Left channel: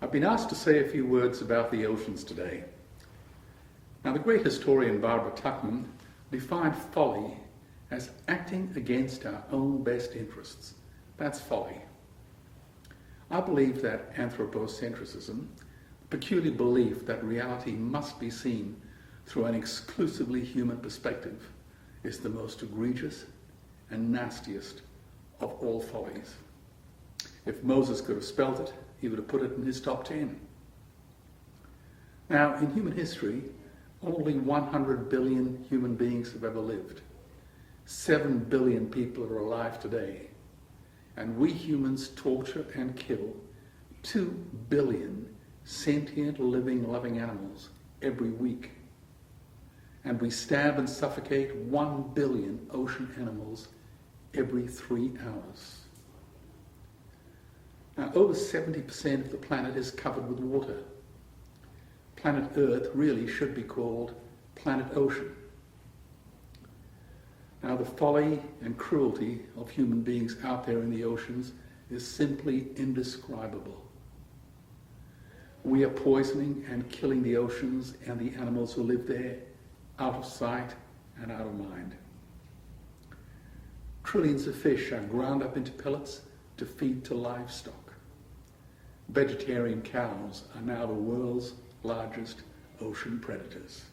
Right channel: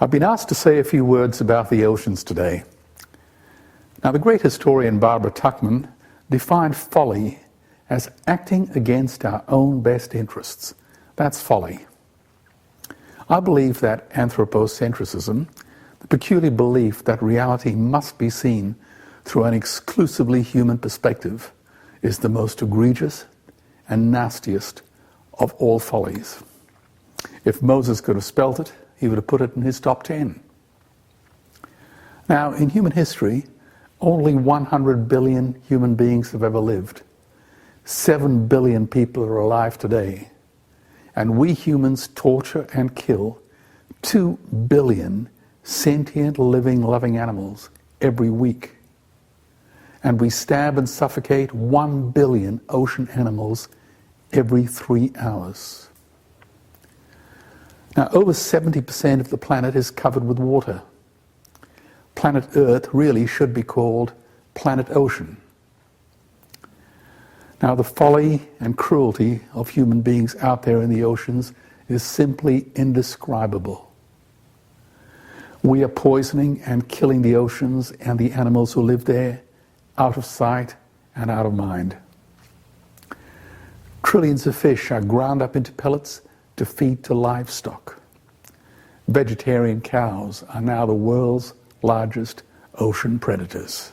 I've been asked to say a few words about the oceans today. Now, the great historian Barbara Tuchman defined folly as acting against our own best interests. That's folly. I believe that anthropocentrism, the peculiar belief that reality must be seen through an exclusively human perspective, is the most egregious and nastiest of all follies. If Moses could have spelt it, he would have put it in his top 10. Now, in human history, only 100 billion human beings have ever lived. 7 billion people are alive today. And we humans torture and kill 2 billion sentient, living, loving animals every week. And we stab and suffocate 1 billion ocean animals every 3 hours. Now, over 70% of the planet is covered with water. Planet Earth really should be called Planet Ocean. Now, the folly and cruelty of human beings out there in the oceans is simply indescribable. We are poisoning and killing the oceans and the animals who live there out of sight and out of mind. Trillions of fish are ground up into pellets to feed to livestock. Vegetarian cows are now the world's largest ocean predators.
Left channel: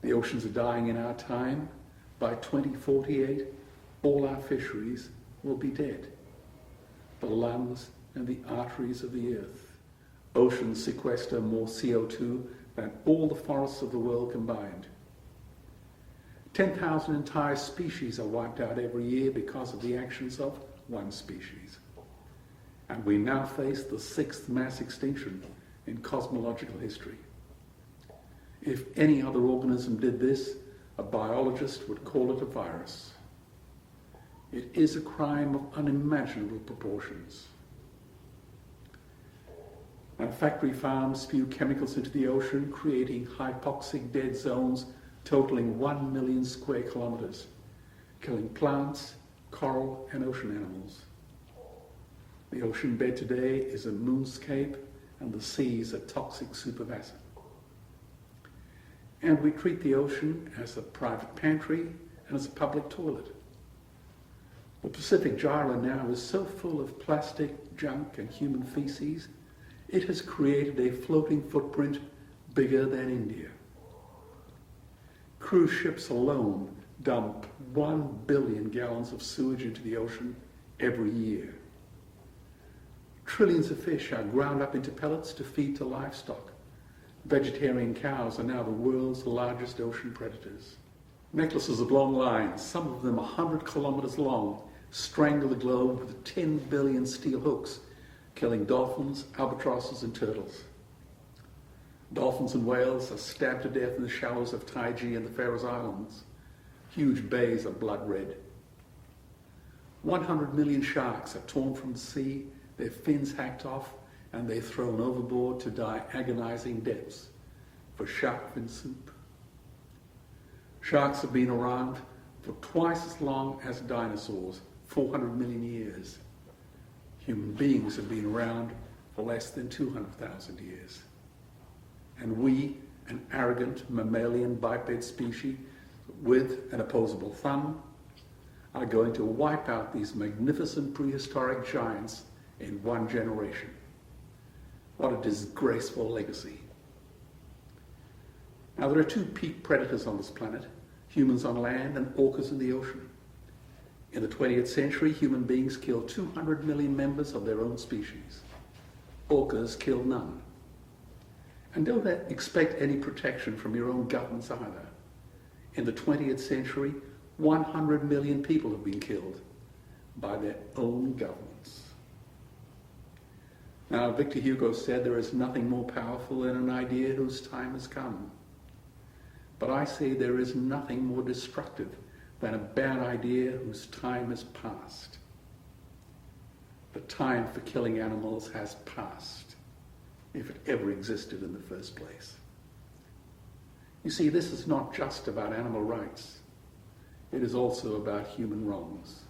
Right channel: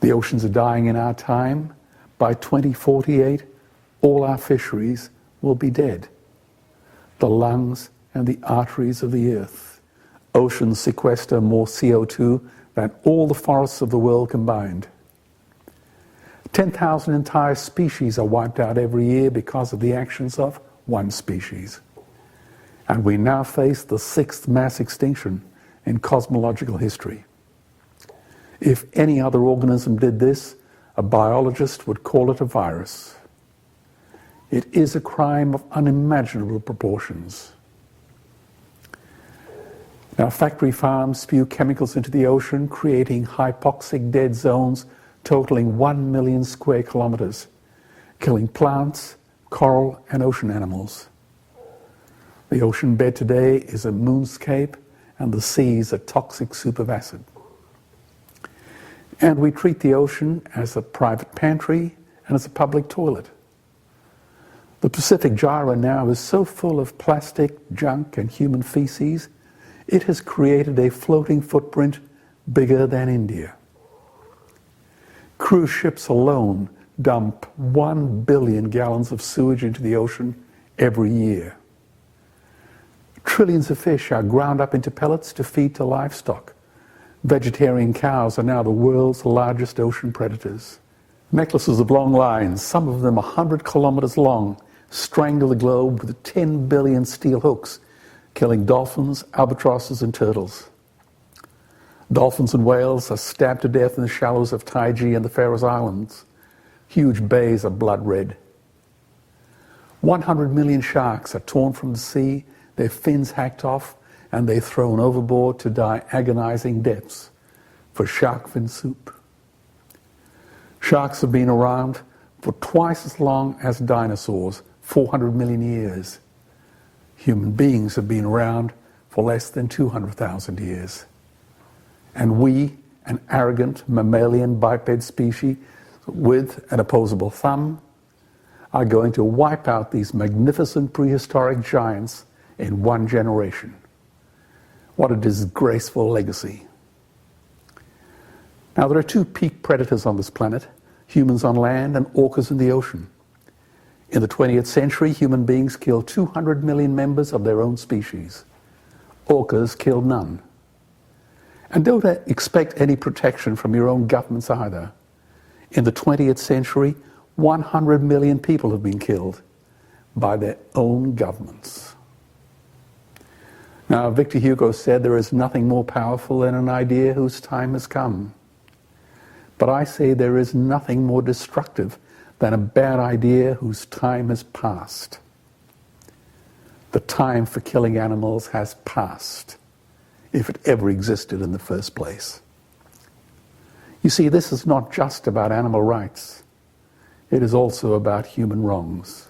The oceans are dying in our time. By 2048, all our fisheries will be dead. The lungs and the arteries of the earth. Oceans sequester more CO2 than all the forests of the world combined. 10,000 entire species are wiped out every year because of the actions of one species. And we now face the 6th mass extinction in cosmological history. If any other organism did this, a biologist would call it a virus. It is a crime of unimaginable proportions. Now, factory farms spew chemicals into the ocean, creating hypoxic dead zones totaling 1 million square kilometers, killing plants, coral, and ocean animals. The ocean bed today is a moonscape, and the seas a toxic soup of acid. And we treat the ocean as a private pantry and as a public toilet. The Pacific gyre now is so full of plastic, junk, and human feces, it has created a floating footprint bigger than India. Cruise ships alone dump 1 billion gallons of sewage into the ocean every year. Trillions of fish are ground up into pellets to feed to livestock. Vegetarian cows are now the world's largest ocean predators. Necklaces of long lines, some of them 100 kilometers long, strangle the globe with 10 billion steel hooks, killing dolphins, albatrosses, and turtles. Dolphins and whales are stabbed to death in the shallows of Taiji and the Faroe Islands. Huge bays are blood red. 100 million sharks are torn from the sea, their fins hacked off, and they're thrown overboard to die agonizing deaths for shark fin soup. Sharks have been around for twice as long as dinosaurs, 400 million years. Human beings have been around for less than 200,000 years. And we, an arrogant mammalian biped species with an opposable thumb, are going to wipe out these magnificent prehistoric giants in 1 generation. What a disgraceful legacy. Now, there are 2 peak predators on this planet, humans on land and orcas in the ocean. In the 20th century, human beings killed 200 million members of their own species. Orcas killed none. And don't expect any protection from your own governments either. In the 20th century, 100 million people have been killed by their own governments. Now, Victor Hugo said there is nothing more powerful than an idea whose time has come. But I say there is nothing more destructive than a bad idea whose time has passed. The time for killing animals has passed, if it ever existed in the first place. You see, this is not just about animal rights. It is also about human wrongs.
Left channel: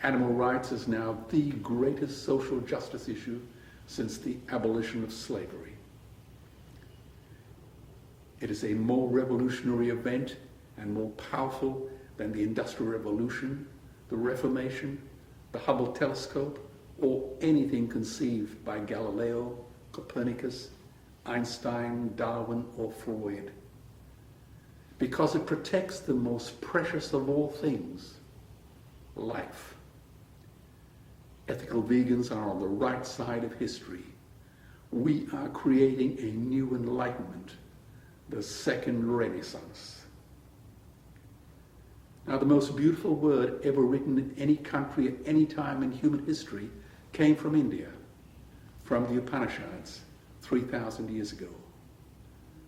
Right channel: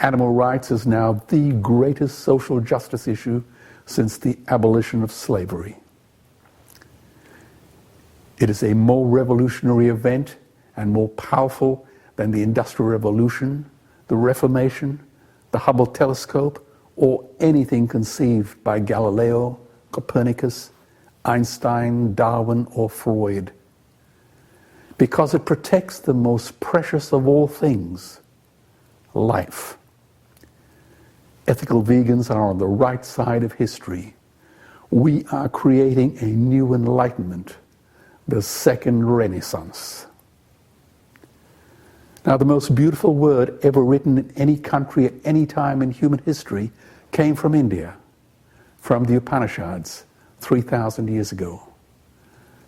animal rights is now the greatest social justice issue since the abolition of slavery. It is a more revolutionary event and more powerful than the Industrial Revolution, the Reformation, the Hubble telescope, or anything conceived by Galileo, Copernicus, Einstein, Darwin, or Freud. Because it protects the most precious of all things, life. Ethical vegans are on the right side of history. We are creating a new enlightenment, the second Renaissance. Now, the most beautiful word ever written in any country at any time in human history came from India, from the Upanishads, 3,000 years ago.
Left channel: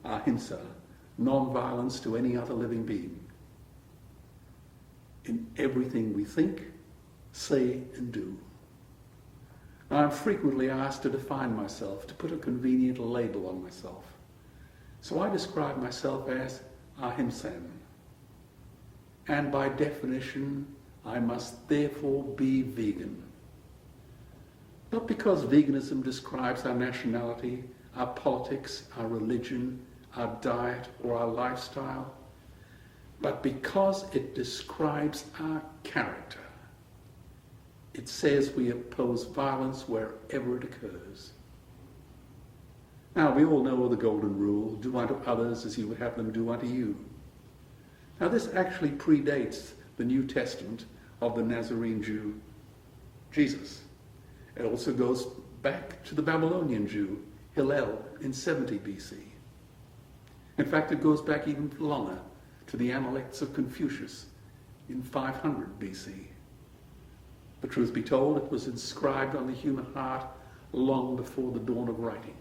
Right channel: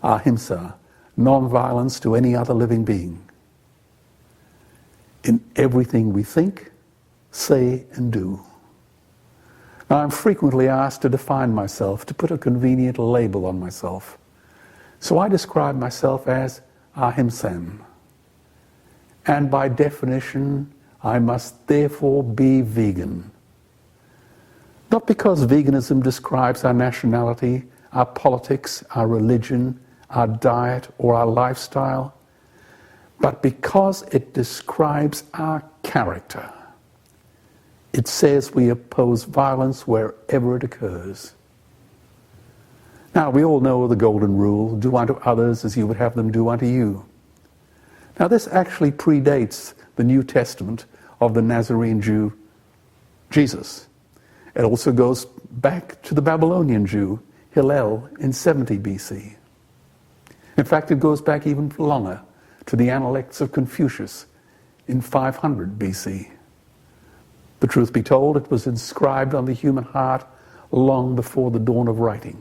Ahimsa, non-violence to any other living being. In everything we think, say, and do. Now, I'm frequently asked to define myself, to put a convenient label on myself. So I describe myself as Ahimsam. And by definition, I must therefore be vegan. Not because veganism describes our nationality, our politics, our religion, our diet, or our lifestyle, but because it describes our character. It says we oppose violence wherever it occurs. Now, we all know the golden rule, do unto others as you would have them do unto you. Now, this actually predates the New Testament of the Nazarene Jew, Jesus. It also goes back to the Babylonian Jew, Hillel, in 70 BC. In fact, it goes back even longer, to the Analects of Confucius in 500 BC. The truth be told, it was inscribed on the human heart long before the dawn of writing.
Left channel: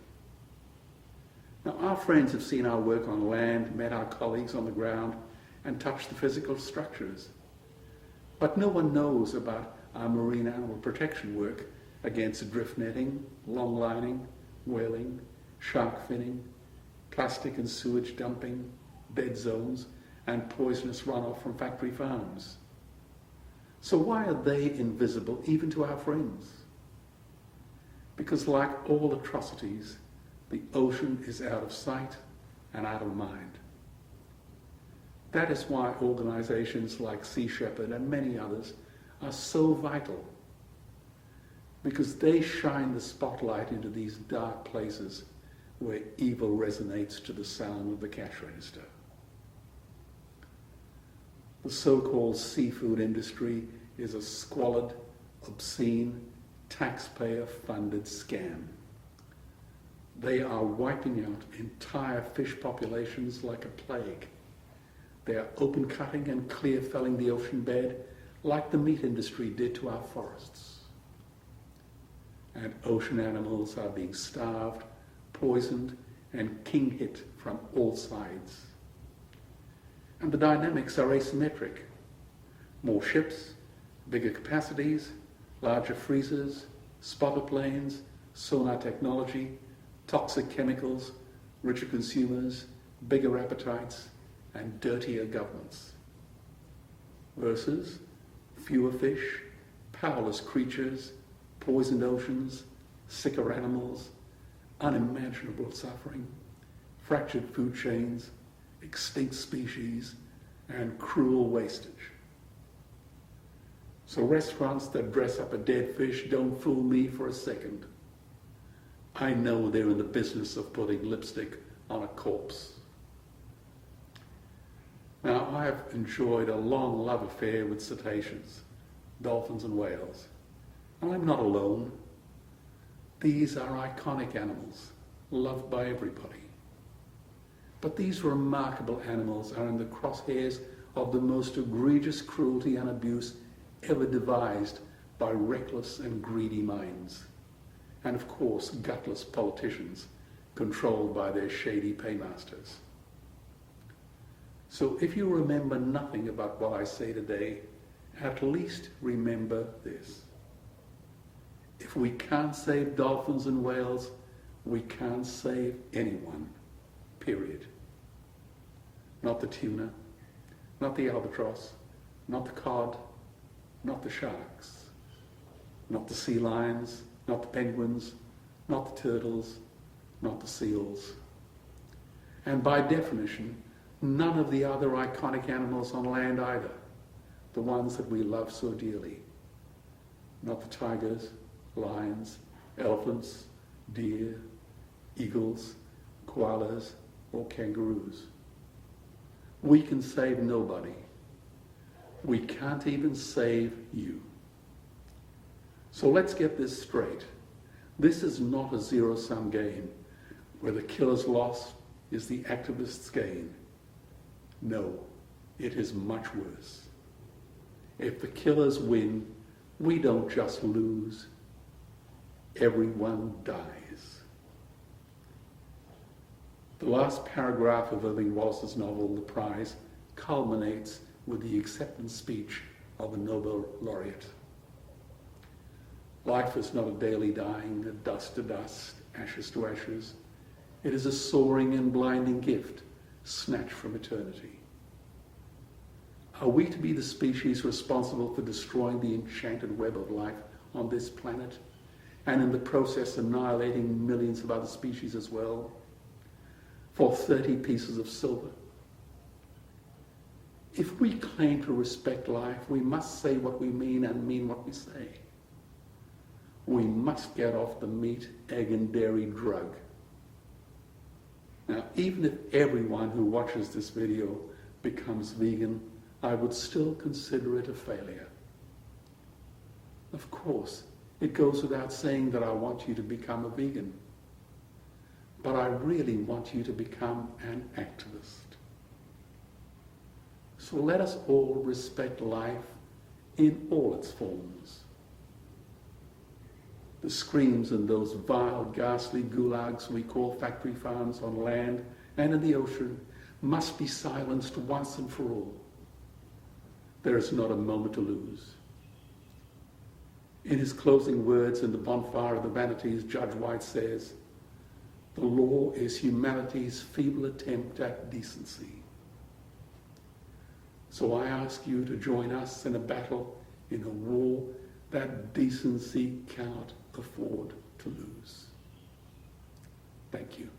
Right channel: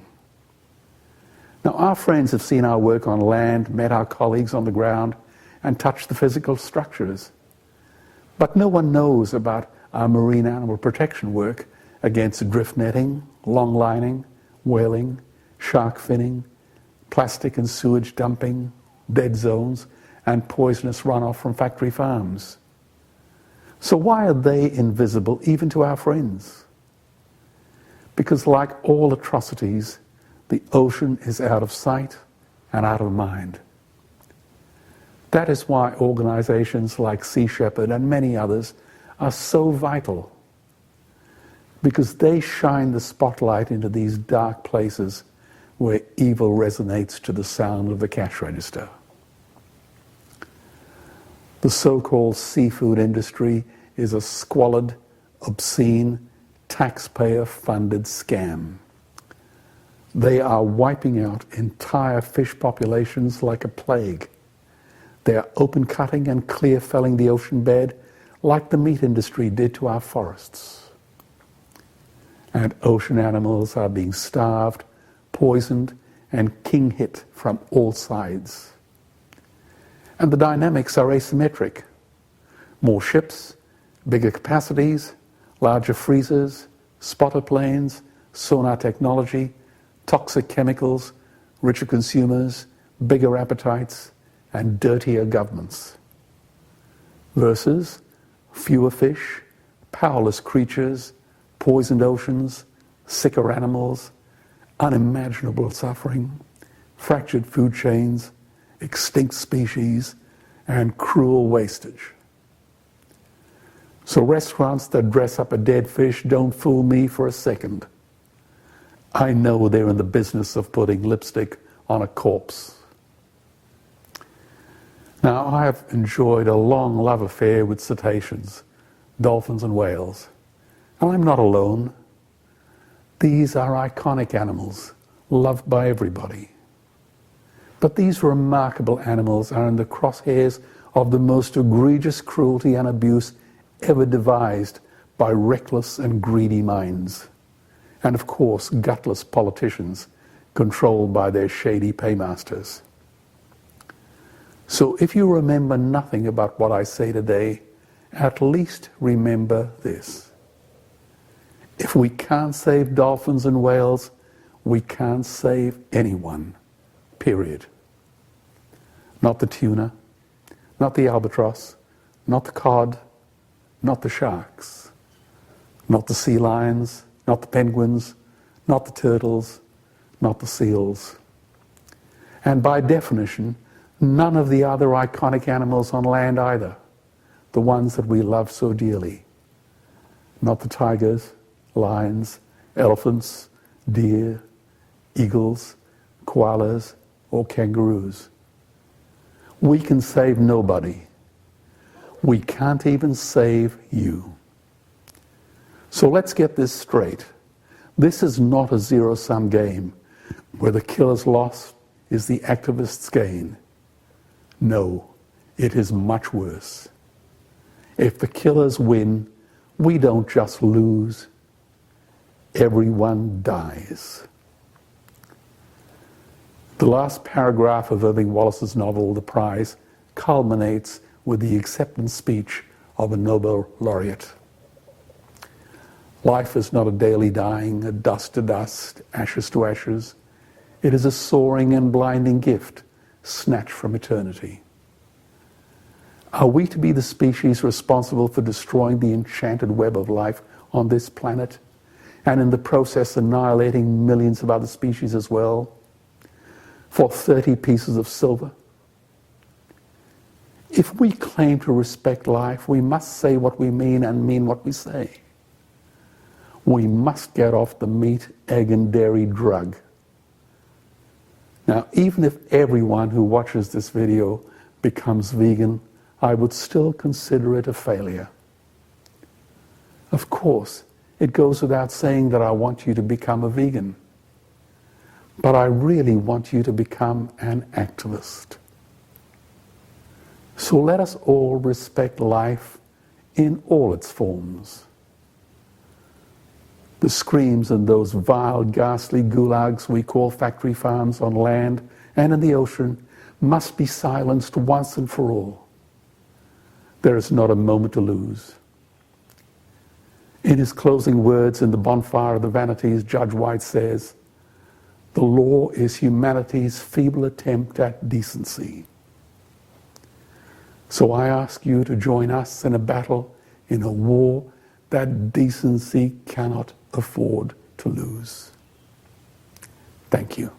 Now, our friends have seen our work on land, met our colleagues on the ground, and touched the physical structures. But no one knows about our marine animal protection work against drift netting, long lining, whaling, shark finning, plastic and sewage dumping, dead zones, and poisonous runoff from factory farms. So why are they invisible even to our friends? Because like all atrocities, the ocean is out of sight and out of mind. That is why organizations like Sea Shepherd and many others are so vital, because they shine the spotlight into these dark places where evil resonates to the sound of the cash register. The so-called seafood industry is a squalid, obscene, taxpayer-funded scam. They are wiping out entire fish populations like a plague. They are open cutting and clear felling the ocean bed like the meat industry did to our forests. And ocean animals are being starved, poisoned, and king hit from all sides. And the dynamics are asymmetric. More ships, bigger capacities, larger freezers, spotter planes, sonar technology, toxic chemicals, richer consumers, bigger appetites, and dirtier governments. Versus fewer fish, powerless creatures, poisoned oceans, sicker animals, unimaginable suffering, fractured food chains, extinct species, and cruel wastage. So restaurants that dress up a dead fish don't fool me for a second. I know they're in the business of putting lipstick on a corpse. Now, I have enjoyed a long love affair with cetaceans, dolphins and whales, and I'm not alone. These are iconic animals, loved by everybody. But these remarkable animals are in the crosshairs of the most egregious cruelty and abuse ever devised by reckless and greedy minds. And of course, gutless politicians controlled by their shady paymasters. So if you remember nothing about what I say today, at least remember this. If we can't save dolphins and whales, we can't save anyone, period. Not the tuna, not the albatross, not the cod, not the sharks, not the sea lions, not the penguins, not the turtles, not the seals. And by definition, none of the other iconic animals on land either, the ones that we love so dearly. Not the tigers, lions, elephants, deer, eagles, koalas, or kangaroos. We can save nobody. We can't even save you. So let's get this straight. This is not a zero-sum game where the killer's loss is the activist's gain. No, it is much worse. If the killers win, we don't just lose, everyone dies. The last paragraph of Irving Wallace's novel, The Prize, culminates with the acceptance speech of a Nobel laureate. Life is not a daily dying, a dust to dust, ashes to ashes. It is a soaring and blinding gift, snatched from eternity. Are we to be the species responsible for destroying the enchanted web of life on this planet, and in the process annihilating millions of other species as well, for 30 pieces of silver? If we claim to respect life, we must say what we mean and mean what we say. We must get off the meat, egg, and dairy drug. Now, even if everyone who watches this video becomes vegan, I would still consider it a failure. Of course, it goes without saying that I want you to become a vegan. But I really want you to become an activist. So let us all respect life in all its forms. The screams in those vile, ghastly gulags we call factory farms on land and in the ocean must be silenced once and for all. There is not a moment to lose. In his closing words in The Bonfire of the Vanities, Judge White says, "The law is humanity's feeble attempt at decency." So I ask you to join us in a battle, in a war that decency cannot afford to lose. Thank you.